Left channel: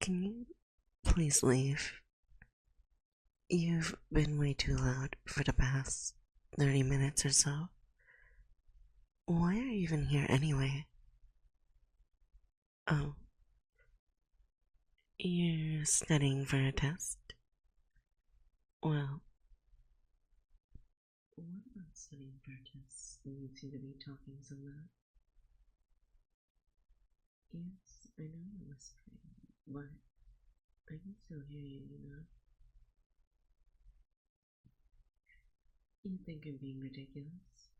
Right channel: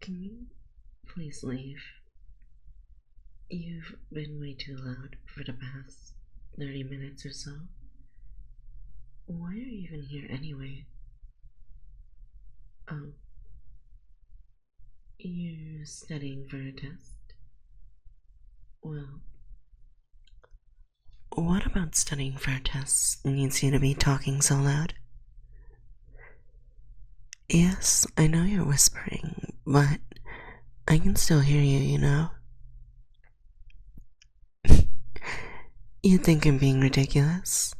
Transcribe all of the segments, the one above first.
Can you please leave? You've been way too loud for the past 30 minutes or so. Why are you even here anyway? Oh. You're studying for a test? Well, what about studying for a test needs you to be talking so loud? Yes, I know you're whispering, but I can still hear you, you know? You think I'm being ridiculous?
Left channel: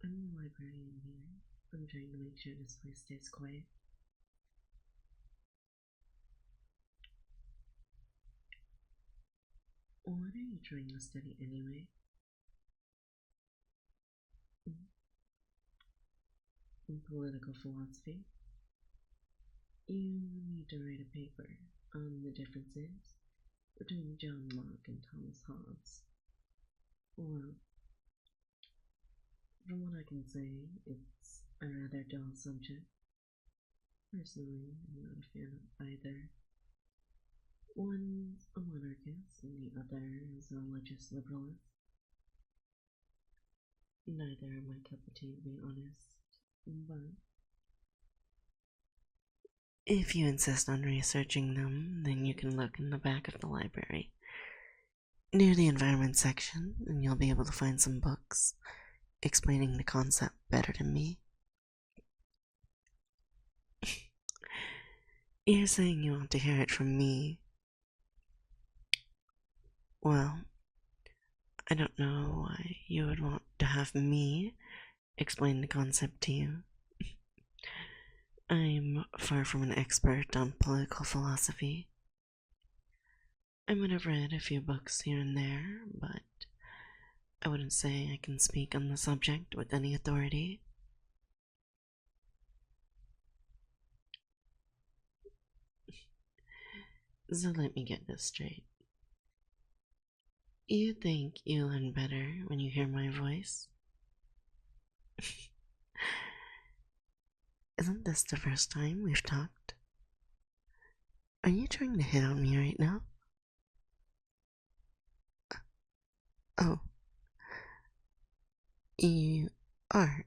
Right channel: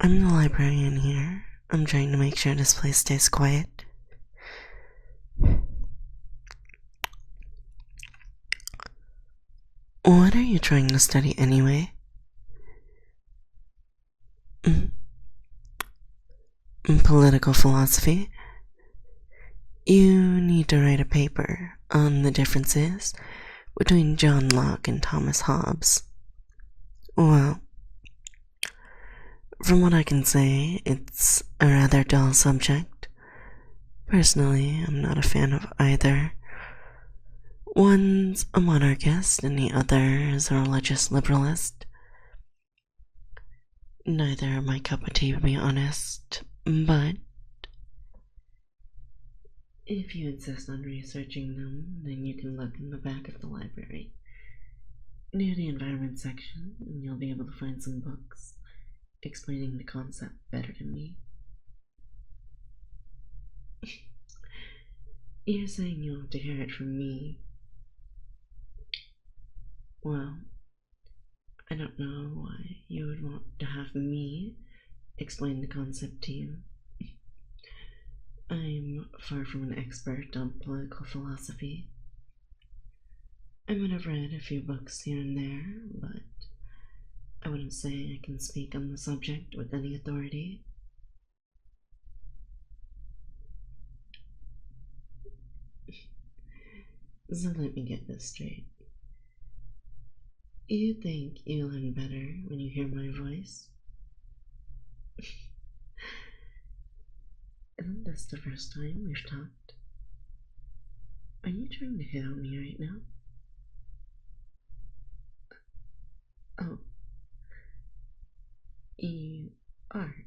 I'm the librarian here. I'm trying to make sure this place stays quiet. What are you trying to study anyway? Political philosophy? You need to write a paper on the differences between John Locke and Thomas Hobbes. Well, from what I can say, it's a rather dull subject. Personally, I'm not a fan of either. One's a monarchist and the other is a religious liberalist. Neither are my cup of tea, to be honest, but if you insist on researching them, then you can look in the back of the library, near the environment section, and you'll be able to find some books explaining the concept better than me. You're saying you want to hear it from me. Well, I don't know why you would want to have me explain the concept to you. I'm far from an expert on political philosophy. I might have read a few books here and there, but I wouldn't say I can speak on the subject with any authority. So let me get this straight. You think you learn better when you hear my voice? Isn't this the first time we've talked? Are you trying to hit on me right now? Oh. You are,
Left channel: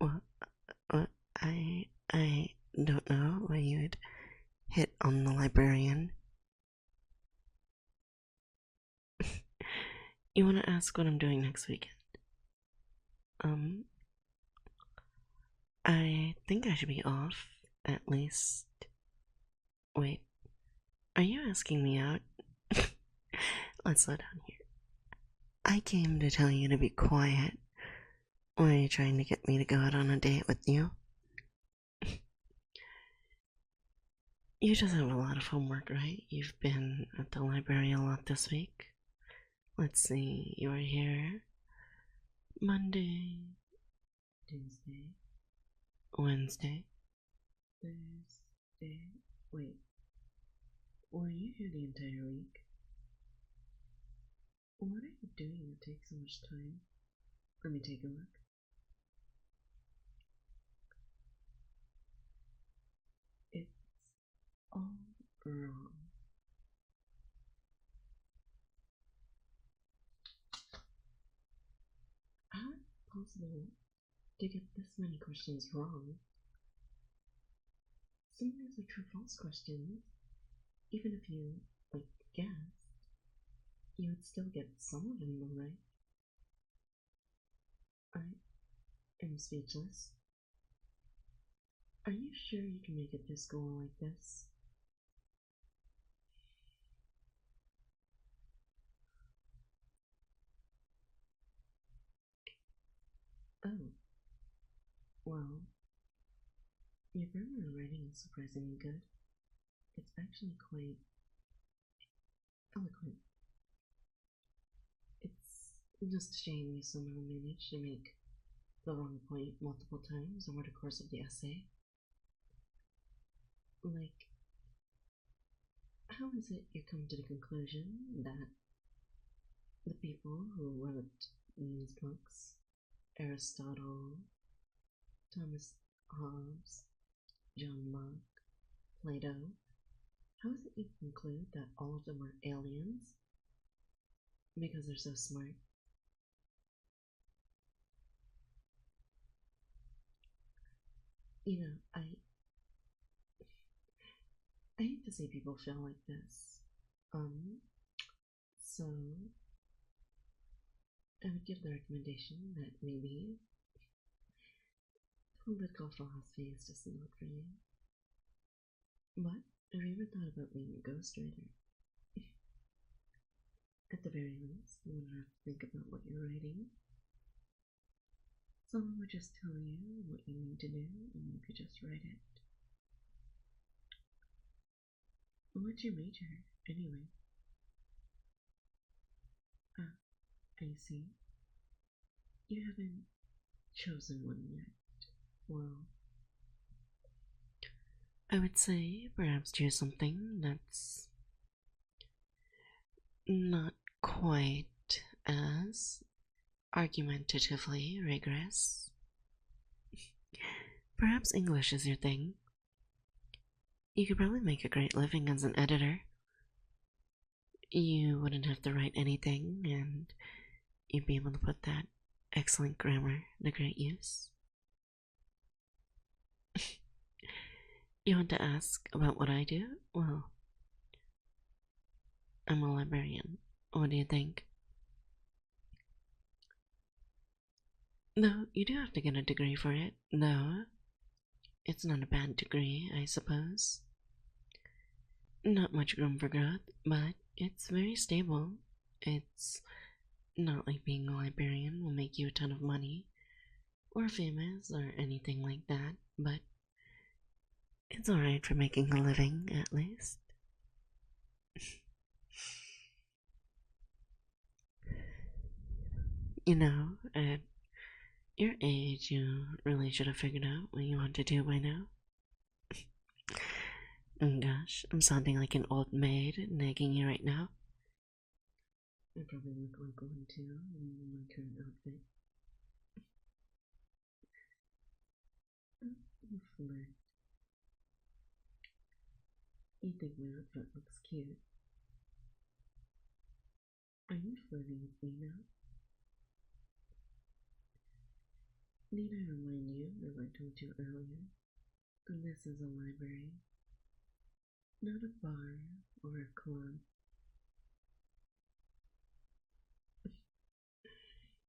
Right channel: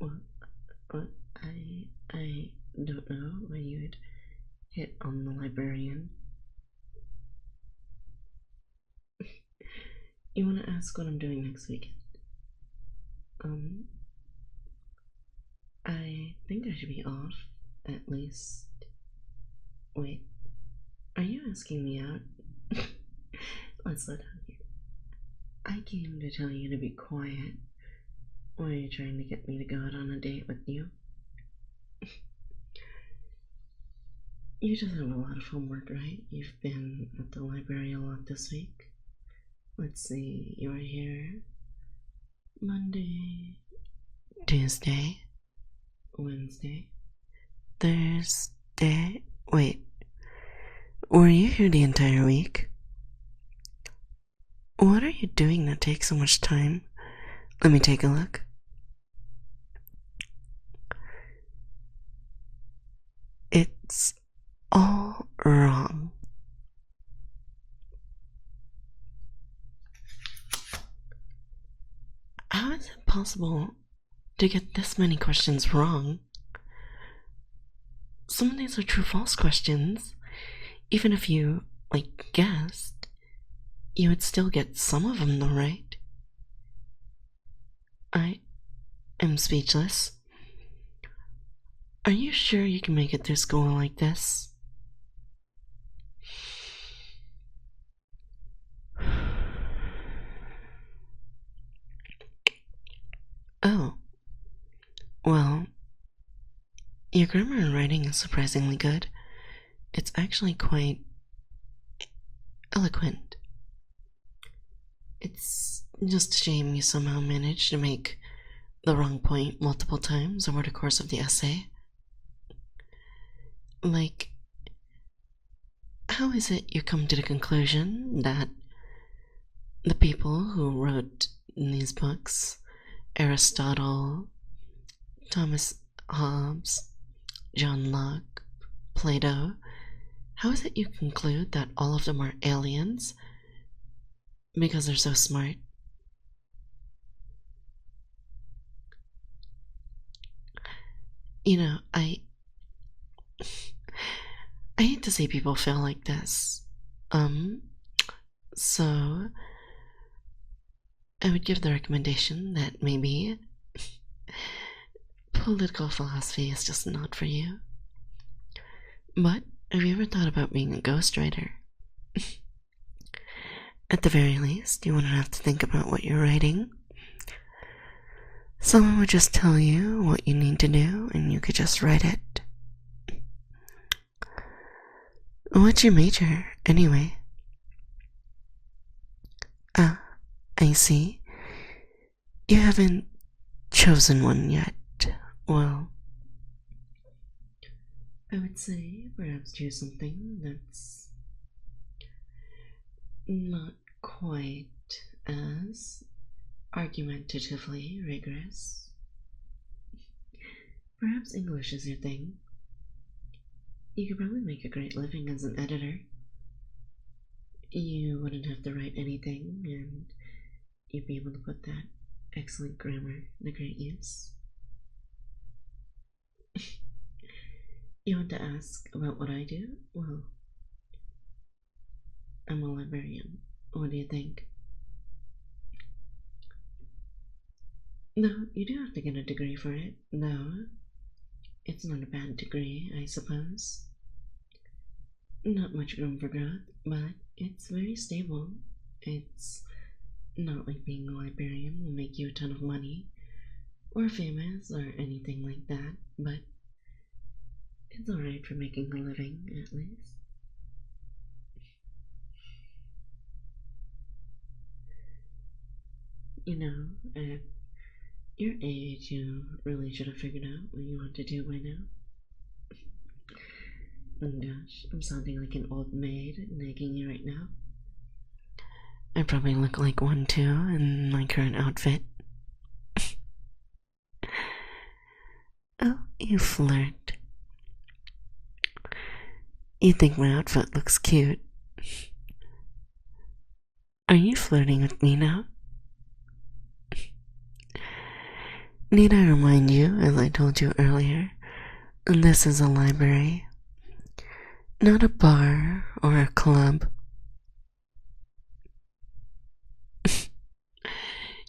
well, I don't know why you'd hit on the librarian. You want to ask what I'm doing next weekend? I think I should be off, at least. Wait, are you asking me out? Let's slow down here. I came to tell you to be quiet. Or are you trying to get me to go out on a date with you? You just have a lot of homework, right? You've been at the library a lot this week. Let's see, you were here Monday, Tuesday, Wednesday, Thursday. Wait, were you here the entire week? What are you doing that takes so much time? Let me take a look. It's all wrong. How is it possible to get this many questions wrong? Some of these are true-false questions. Even if you, guessed, you would still get some of them though, right? I am speechless. Are you sure you can make it through school like this? Oh. Well, your grammar and writing is surprisingly good. It's actually quite eloquent. It's just a shame you somehow managed to make the wrong point multiple times over the course of the essay. How is it you come to the conclusion that the people who wrote these books, Aristotle, Thomas Hobbes, John Locke, Plato, how is it you conclude that all of them are aliens because they're so smart? You know, I hate to see people feel like this. So I would give the recommendation that maybe political philosophy is just not for you. But have you ever thought about being a ghostwriter? At the very least, you wouldn't have to think about what you're writing. Someone would just tell you what you need to do, and you could just write it. What's your major, anyway? Ah, I see. You haven't chosen one yet. Well, I would say perhaps choose something that's not quite as argumentatively rigorous. Perhaps English is your thing. You could probably make a great living as an editor. You wouldn't have to write anything, and you'd be able to put that excellent grammar to great use. You want to ask about what I do? Well, I'm a librarian. What do you think? No, you do have to get a degree for it. No, it's not a bad degree, I suppose. Not much room for growth, but it's very stable. It's not like being a librarian will make you a ton of money, or famous, or anything like that, but it's alright for making a living, at least. You know, at your age, you really should have figured out what you want to do by now. Oh gosh, I'm sounding like an old maid nagging you right now. I probably look like one too in my current outfit. Oh, you flirt. You think my outfit looks cute. Are you flirting with me now? Need I remind you, as I told you earlier, this is a library, not a bar or a club.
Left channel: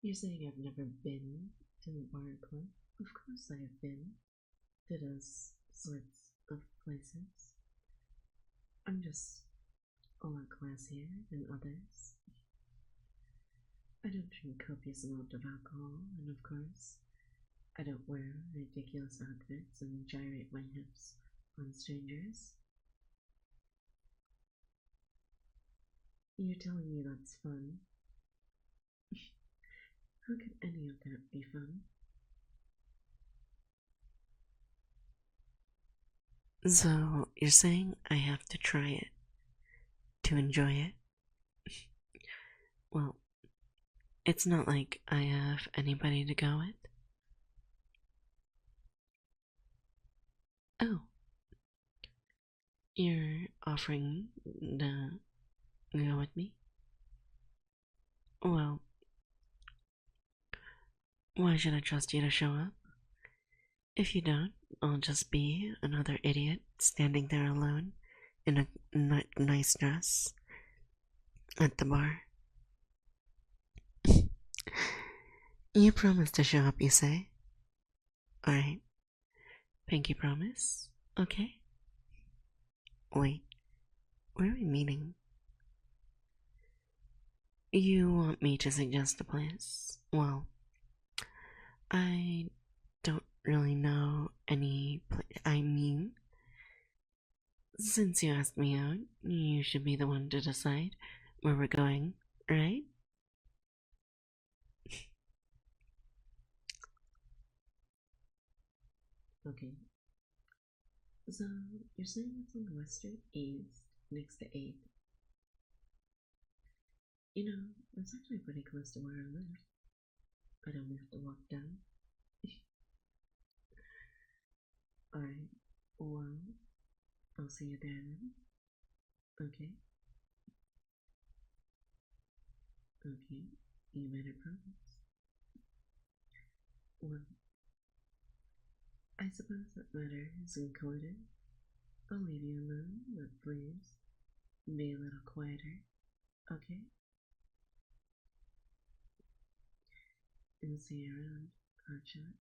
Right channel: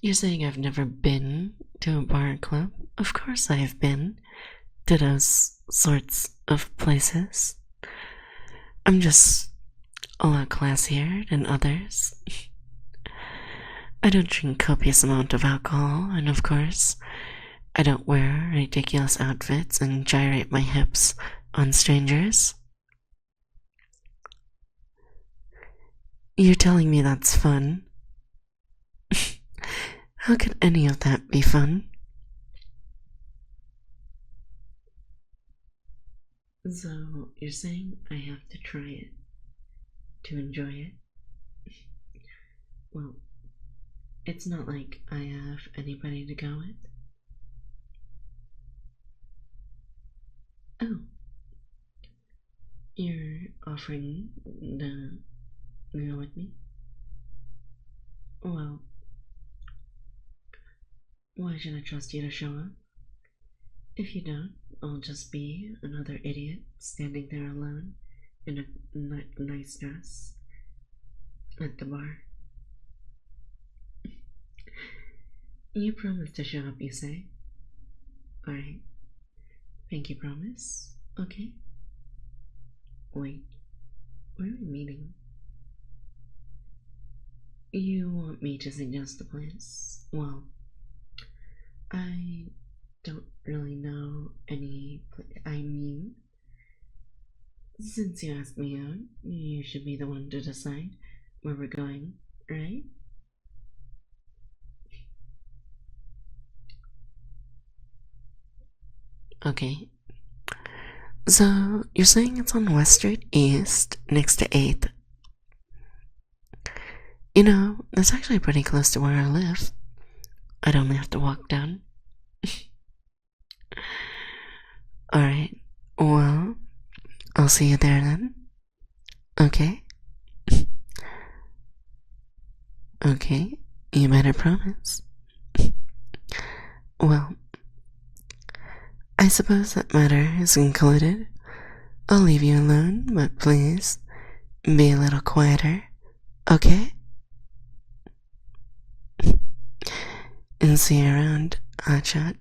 You're saying I've never been to a bar or club? Of course I have been to those sorts of places. I'm just a lot classier than others. I don't drink copious amount of alcohol, and of course, I don't wear ridiculous outfits and gyrate my hips on strangers. You're telling me that's fun? How could any of that be fun? So, you're saying I have to try it to enjoy it? Well, it's not like I have anybody to go with. Oh, you're offering to go with me? Well, why should I trust you to show up? If you don't, I'll just be another idiot standing there alone in a nice dress at the bar. You promise to show up, you say? Alright. Pinky promise? Okay. Wait, where are we meeting? You want me to suggest a place? Well, I don't really know any place. I mean, since you asked me out, you should be the one to decide where we're going, right? Okay. So, you're saying it's on West Street East, next to 8th. You know, that's actually pretty close to where I live. I'd only have to walk down. Alright, Well, I'll see you there then. Okay? Okay, you better promise. Well, I suppose that matter is concluded. I'll leave you alone, but please be a little quieter, okay? And see you around, Hotshot.